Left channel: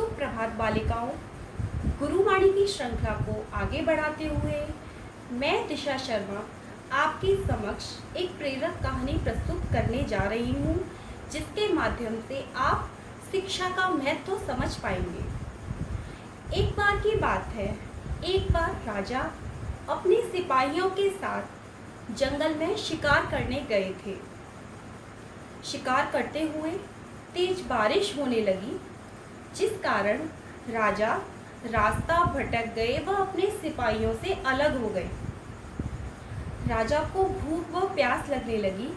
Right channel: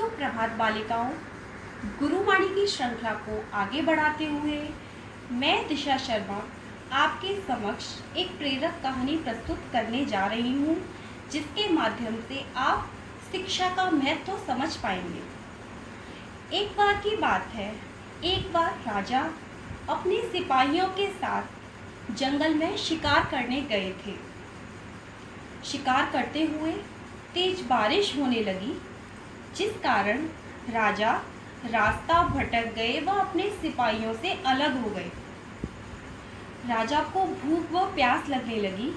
सुप्रभात बालिकाओं। गुरुवाणी की श्रृंखला को आगे बढ़ाते हुए मैं दिशा शर्मा आपके समक्ष एक प्रेरक कहानी प्रस्तुत करने जा रही हूँ, जिसके माध्यम से आप शिक्षा का महत्व समझ पाएंगे। एक बार की बात है, एक बार राजा अपने सिपाहियों के साथ जंगल में शिकार करने गए थे। शिकार करते हुए तेज बारिश होने लगी, जिस कारण राजा रास्ता भटक गए व अपने सिपाहियों से अलग हो गए। राजा को भूख व प्यास लगने लगी।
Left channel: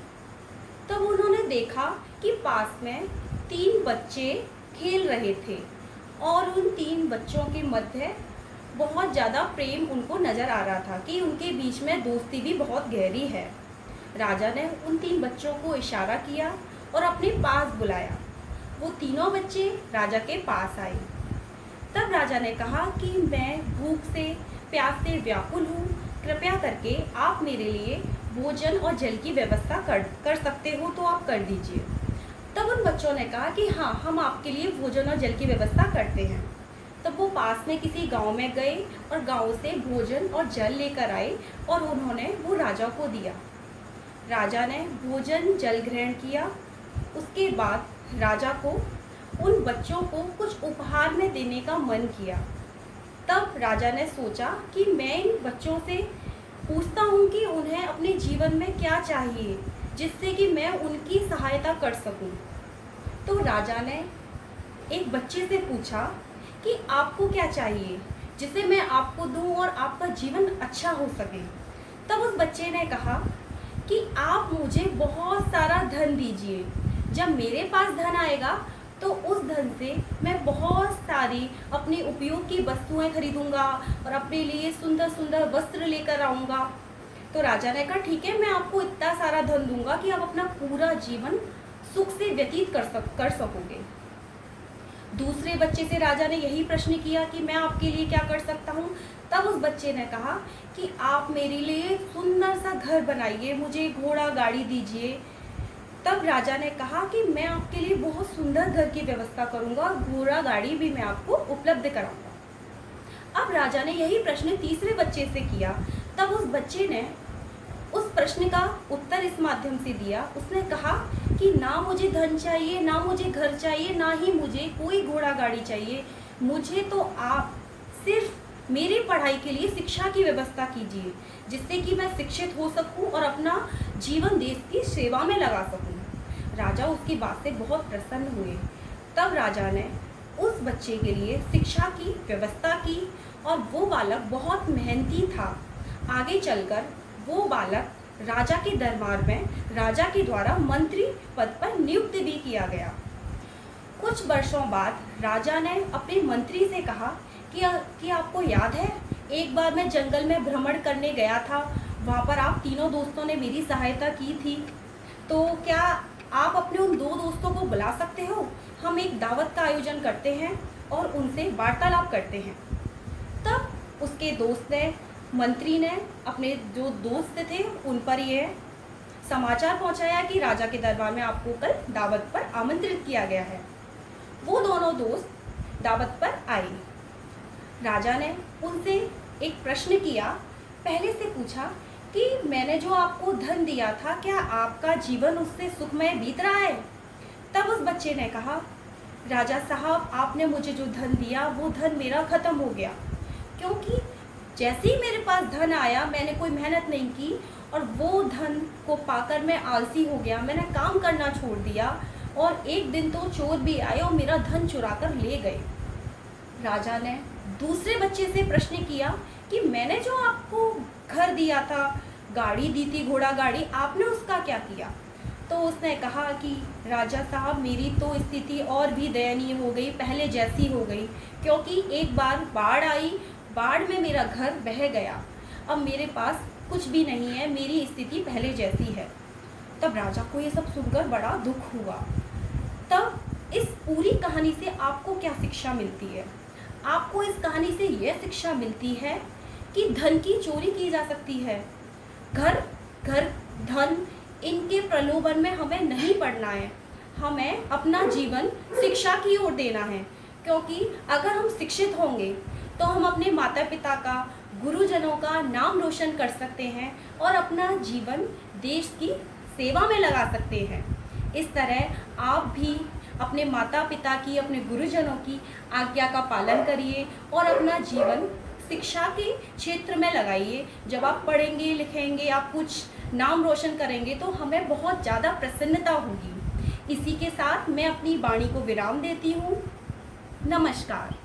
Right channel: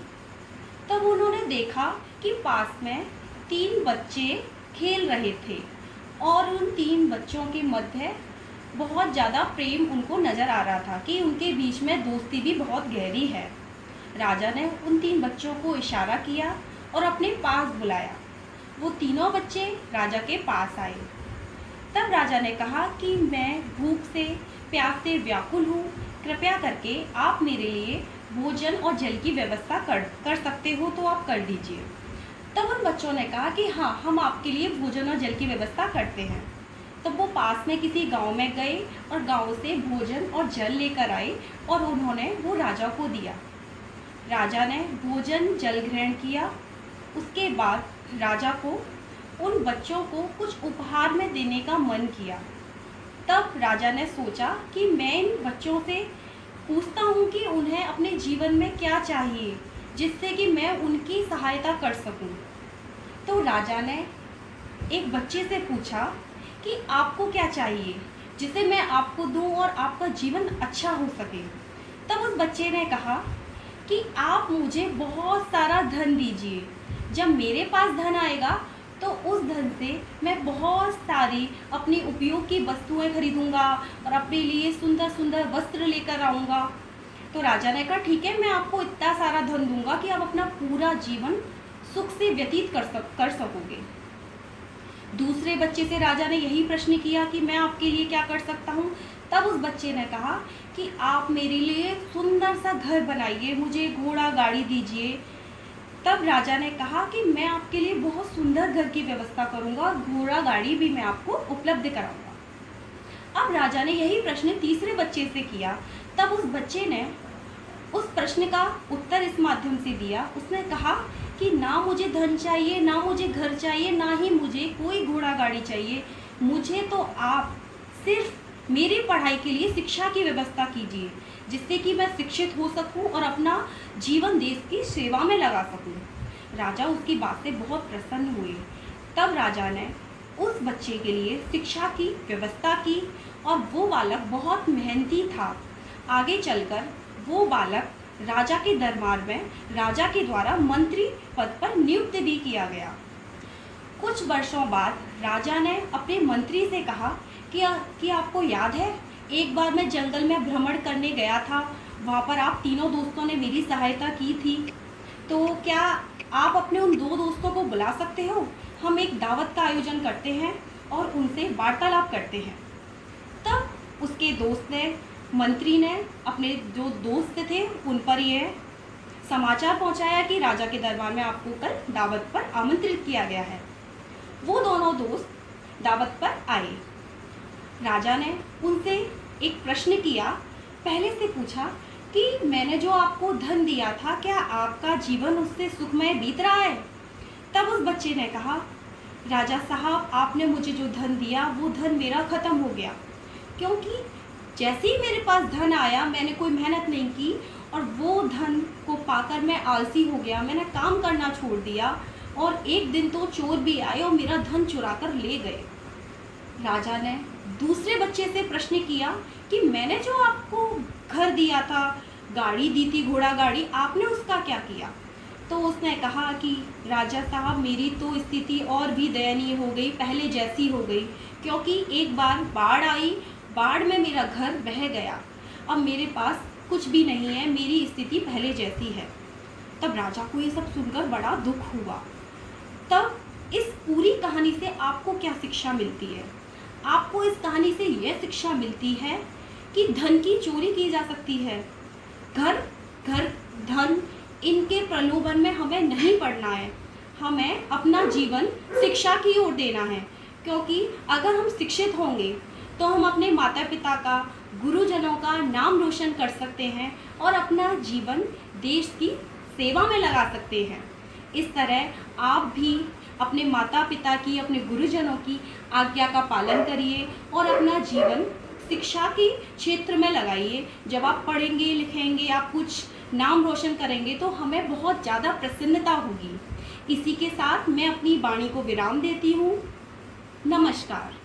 तब उन्होंने देखा कि पास में 3 बच्चे खेल रहे थे और उन 3 बच्चों के मध्य बहुत ज़्यादा प्रेम उनको नज़र आ रहा था कि उनके बीच में दोस्ती भी बहुत गहरी है। राजा ने उन 3 बच्चों को इशारा किया और अपने पास बुलाया। वो तीनों बच्चे राजा के पास आए। तब राजा ने कहा कि मैं भूख से प्यास से व्याकुल हूँ, कृपया करके आप मेरे लिए भोजन और जल की व्यवस्था कर सकते हो तो आप कर दीजिए। तब उन बच्चों ने कहा कि हाँ, हम आपके लिए भोजन और जल की व्यवस्था करते हैं। तब वो पास में किसी गांव में गए और गांव से भोजन और जल लेकर आए और उन्होंने वो राजा को दिया। राजा ने भोजन जल ग्रहण किया। उसके बाद राजा को उन बच्चों को कुछ उपहार में देने का मन किया। तब राजा ने सोचा कि मैं इन बच्चों से पूछता हूँ कि उन्हें अपने जीवन में क्या चाहिए, जिससे कि मैं उनकी सहायता कर सकूँ। तो राजा ने एक बच्चे से पूछा कि आपको क्या चाहिए जिसे मैं आपको दूँ और आपका जीवन अच्छा हो सके। तब उस बच्चे ने कहा कि आप मुझे बहुत सारा धन दीजिए। जब मेरे पास धन आएगा तो उस धन से मैं बहुत सारी अपनी उपयोग की वस्तुएं खरीदूंगा और अपने लिए सुंदर सुंदर वस्त्र लेकर आऊँगा। तो राजा ने कहा ठीक है, मैं आपको इतना सारा धन दूंगा कि आप अपना पूरा जीवन सुख से व्यतीत कर सकोगे। दूसरे बच्चे से राजा ने यही प्रश्न किया कि मैं आपके लिए क्या कर सकता हूँ। तब उस बच्चे ने कहा कि आप मेरे लिए सुंदर सा घर बनाइए, मुझे घोड़ा गाड़ी दीजिए। तब राजा ने कहा कि मैं आपके लिए बहुत सुंदर घर की व्यवस्था करूंगा और घोड़ा गाड़ी भी मैं आपको उपलब्ध कराऊंगा। अब राजा ने यही प्रश्न तीसरे बच्चे से किया। तब उस बच्चे ने उस प्रश्न का उत्तर इस माध्यम से दिया। उसने कहा कि ना मुझे धन चाहिए, ना मुझे घर चाहिए, ना ही मुझे कोई घोड़ा गाड़ी चाहिए। मुझे तो आप सिर्फ मेरी पढ़ाई के लिए शिक्षा की व्यवस्था कीजिए, जिससे कि मैं शिक्षित हो सकूं और अपना जीवन देश की सेवा में लगा सकूं। राजा उसकी बात से बहुत प्रसन्न हुए। तब राजा ने उस बच्चे के लिए शिक्षा की व्यवस्था की और वो बालक बहुत मेहनती था। आगे चलकर वो बालक राजा के दरबार में राजा के द्वारा मंत्री पद पर नियुक्त भी किया गया। कुछ वर्षों बाद राजा ने अपने मंत्री से कहा कि आपको याद है, एक बार मैं जंगल में भ्रमण करने गया था, वहाँ पर आप तीनों दोस्तों ने मेरी सहायता की थी। तो क्या आप अपने उन 2 दोस्तों को बुला सकते हो? हम एक दावत का आयोजन करते हैं और उनसे वार्तालाप करते हैं। तब उसके दोस्त ने, मंत्री ने अपने जो दोस्त थे उन पर यह समाचार पहुंचाया कि राजा के दरबार में आपको कल दावत पर आमंत्रित किया गया है। वो दोनों दोस्त दावत पर आए। राजा ने उनसे एक प्रश्न किया। पहले से पूछा कि मैंने जो आपको धन दिया था, क्या आपका जीवन उससे सुखमय बीत रहा है? तब उस बच्चे ने कहा, राजा साहब, आपने मुझे जो धन दिया वो धन मेरा ख़त्म हो गया, क्योंकि जैसे ही मेरे पास धन आया मैंने कोई मेहनत नहीं की और वो धन को पाकर मैं आलसी हो गया, मैंने काम करना छोड़ दिया और एक दिन तो चोर भी आए और मेरा धन चुरा कर ले गए। राजा ने दूसरे बच्चे से प्रश्न किया कि मैंने जो आपको घर दिया था, गाड़ी दी थी, घोड़ा गाड़ी, आपने उसका क्या किया? तो उसने कहा कि राजा साहब, मेरी तो स्थिति और भी दयनीय हो गई, पहले जैसी हो गई, क्योंकि एक बार बाढ़ आई, बाढ़ में मेरा घर बह गया, अब मेरे पास कुछ भी नहीं है, मेरी स्थिति पहले जैसी है। तब राजा को ये सब सुनकर बड़ा दुख हुआ। तब इस पूरी कहानी से आपको क्या शिक्षा मिलती है? आपको इस कहानी से यह शिक्षा मिलती है कि धन की चोरी की जा सकती है। घर धन इनके प्रलोभन में हमें नहीं पड़ना है, हमें अपना जीवन शिक्षा की ओर देना है, क्योंकि अगर हम शिक्षित होंगे तो हम अपने माता पिता का, गुरुजनों का नाम रोशन कर सकते हैं और अपना जीवन देश की सेवा में लगा सकते हैं। इस तरह आप भी अपने माता पिता की, अपने गुरुजनों की आज्ञा का पालन करिए और अपना जीवन शिक्षा के क्षेत्र में लगाइए। जब आप पढ़ेंगे लिखेंगे, आप कुछ नाम रोशन करेंगे तो हमें बहुत ज़्यादा प्रसन्नता होगी। इसी के साथ मैं अपनी वाणी को विराम देती हूँ। नमस्कार।